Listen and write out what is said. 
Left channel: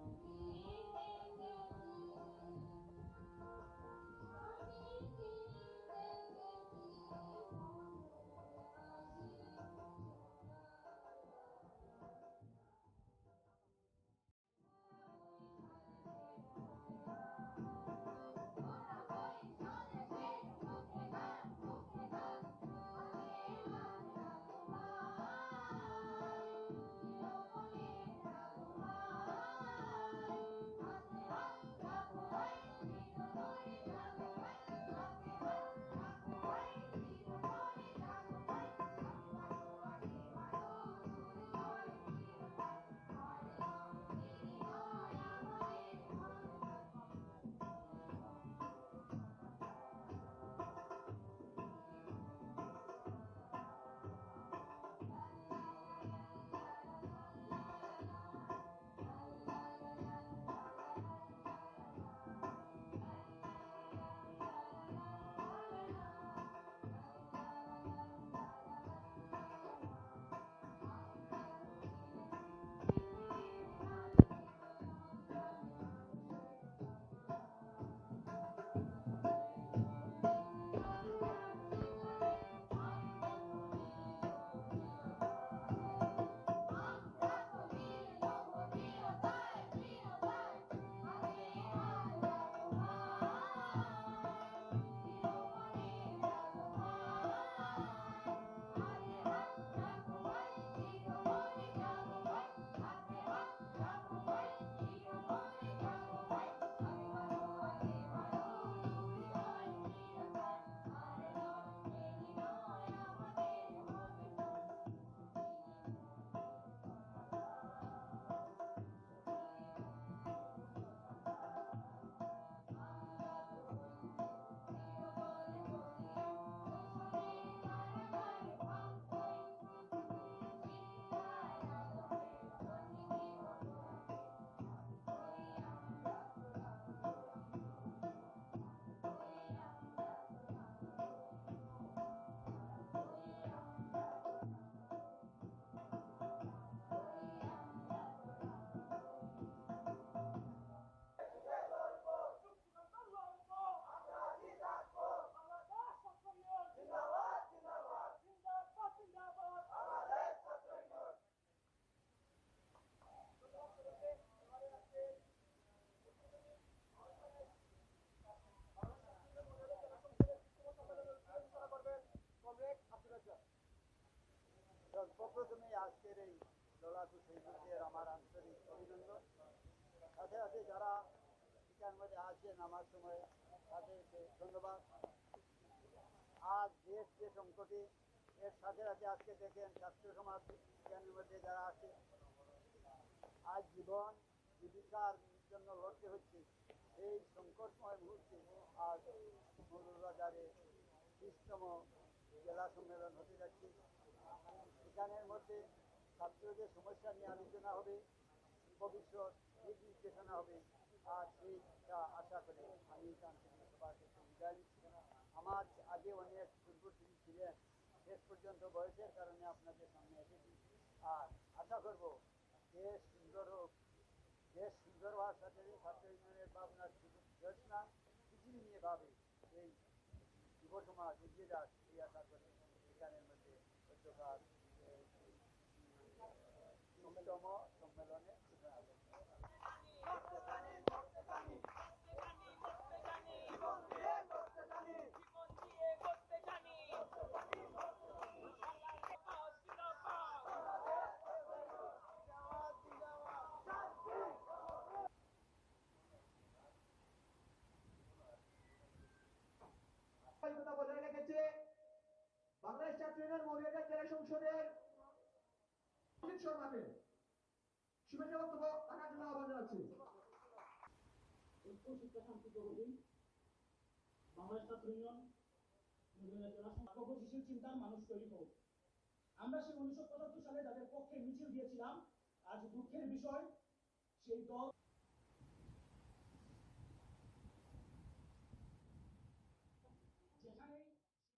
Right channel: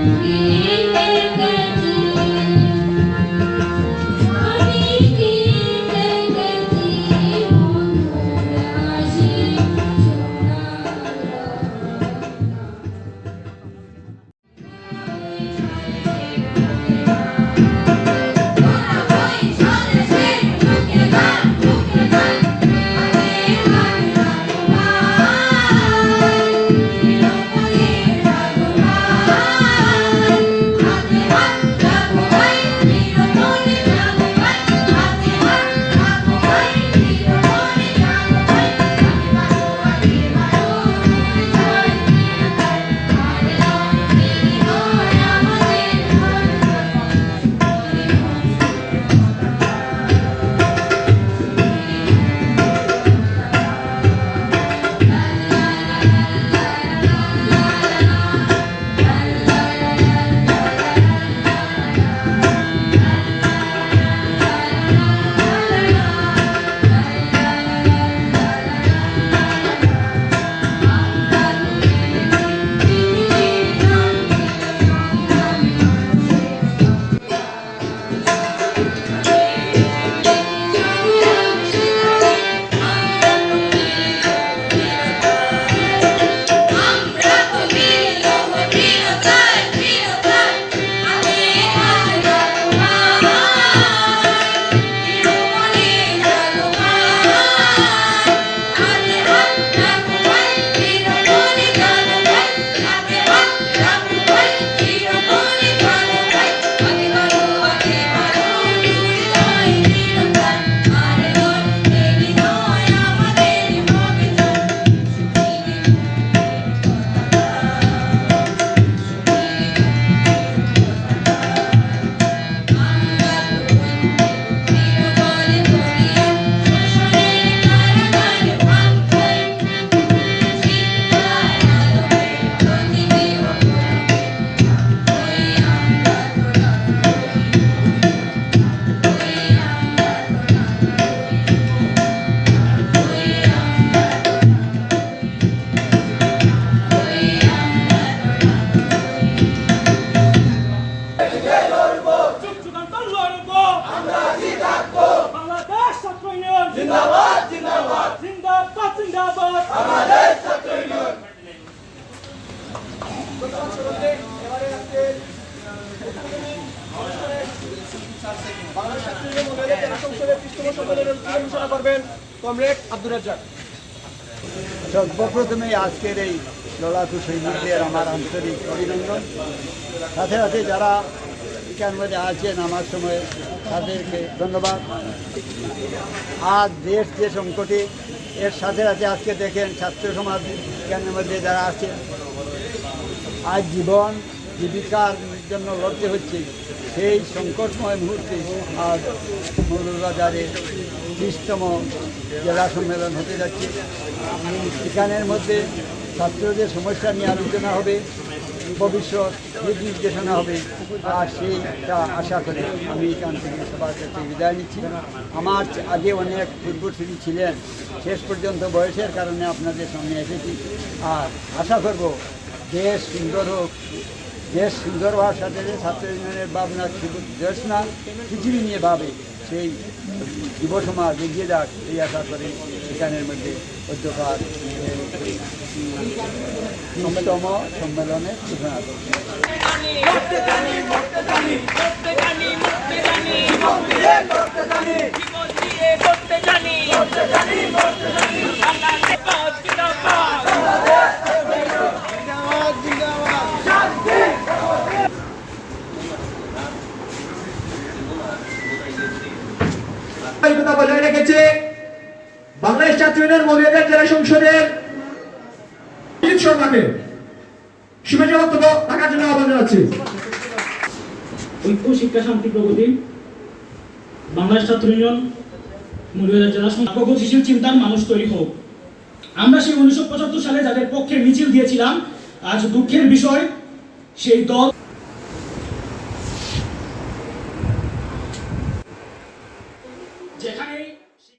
E জিন্দাবাদ জিন্দাবাদ। জিন্দাবাদ জিন্দাবাদ। আমাদের ছাত্র ইউনিয়ন। বাংলাদেশ ছাত্র ইউনিয়ন মহিলাদের জেলা সংসদের তৃতীয় সম্মেলনের উদ্বোধন ঘোষণা করবেন কমরেড আব্দুর রাজ্জাক সর্বপ্রথমে আজকের এই লড়াকু সৈনিকদের আমার আন্তরিক অভিনন্দন। সাথে সাথে যারা এখান মধ্যে আছেন আমার সময় তাদেরকে ধন্যবাদ। আর দেশ যে সংকটে এর সাথে সাথে আজকে দেখেন ছাত্র সমাজ এখানের মধ্যে যারা আছেন আজ জীবন জীবিকার জন্য লড়তে হচ্ছে। সেই সংকটময় মুহূর্তে আজ মৌলবাজারে ত্রিশতম জেলা সম্মেলন হতে যাচ্ছে। এখানের মধ্যে ছাত্রদের সমস্যা নিয়ে আলোচনা হবে। ভবিষ্যৎ দিক নির্দেশনা হবে, আর সেইটা আশা করে আমি এখান থেকে সবার কাছে বিদায় নিচ্ছি। আমার আগে অনেক পূর্বশ্রী ছিলেন, শেষ পর্যন্ত বয়সের কারণে আপনাদের সামনে এসেছি। আর আশা করব দেশ সুন্দর হোক, দেশ সুন্দর হওয়ার সাথে সাথে ছাত্র ইউনিয়নের ভাবনা দেশ না, পৃথিবী নিয়ে ভাবে। সেই যুব সমাজ এগিয়ে যাক, এই আশা করে এখানের মধ্যে অধ্যকার তিনতম সম্মেলনে ঘোষণা করছি করতে জানি করতে জানি করতে জানি করতে জানি জীবন দিয়ে করতে জানি জীবন দিয়ে করতে জানি করতে জানি করতে জানি জিন্দাবাদ জিন্দাবাদ ধারাবাহিকতা বজায় রেখেছে বাংলাদেশ ইউনিয়ন মহিলাদের জেলা সংসদের বক্তব্য জন্য ঐক্য, শিক্ষা, শান্তি, প্রগতি। বাংলাদেশ ছাত্র ইউনিয়ন, মৌলভীবাজার জেলা চিন্তার মানুষ তৈরি হোক। আমরা সেই উনিশশো পঁচাত্তর সালে যাদের পক্ষে মিছিল দিয়েছিলাম, আজ দুঃখের বিষয়, সেই দল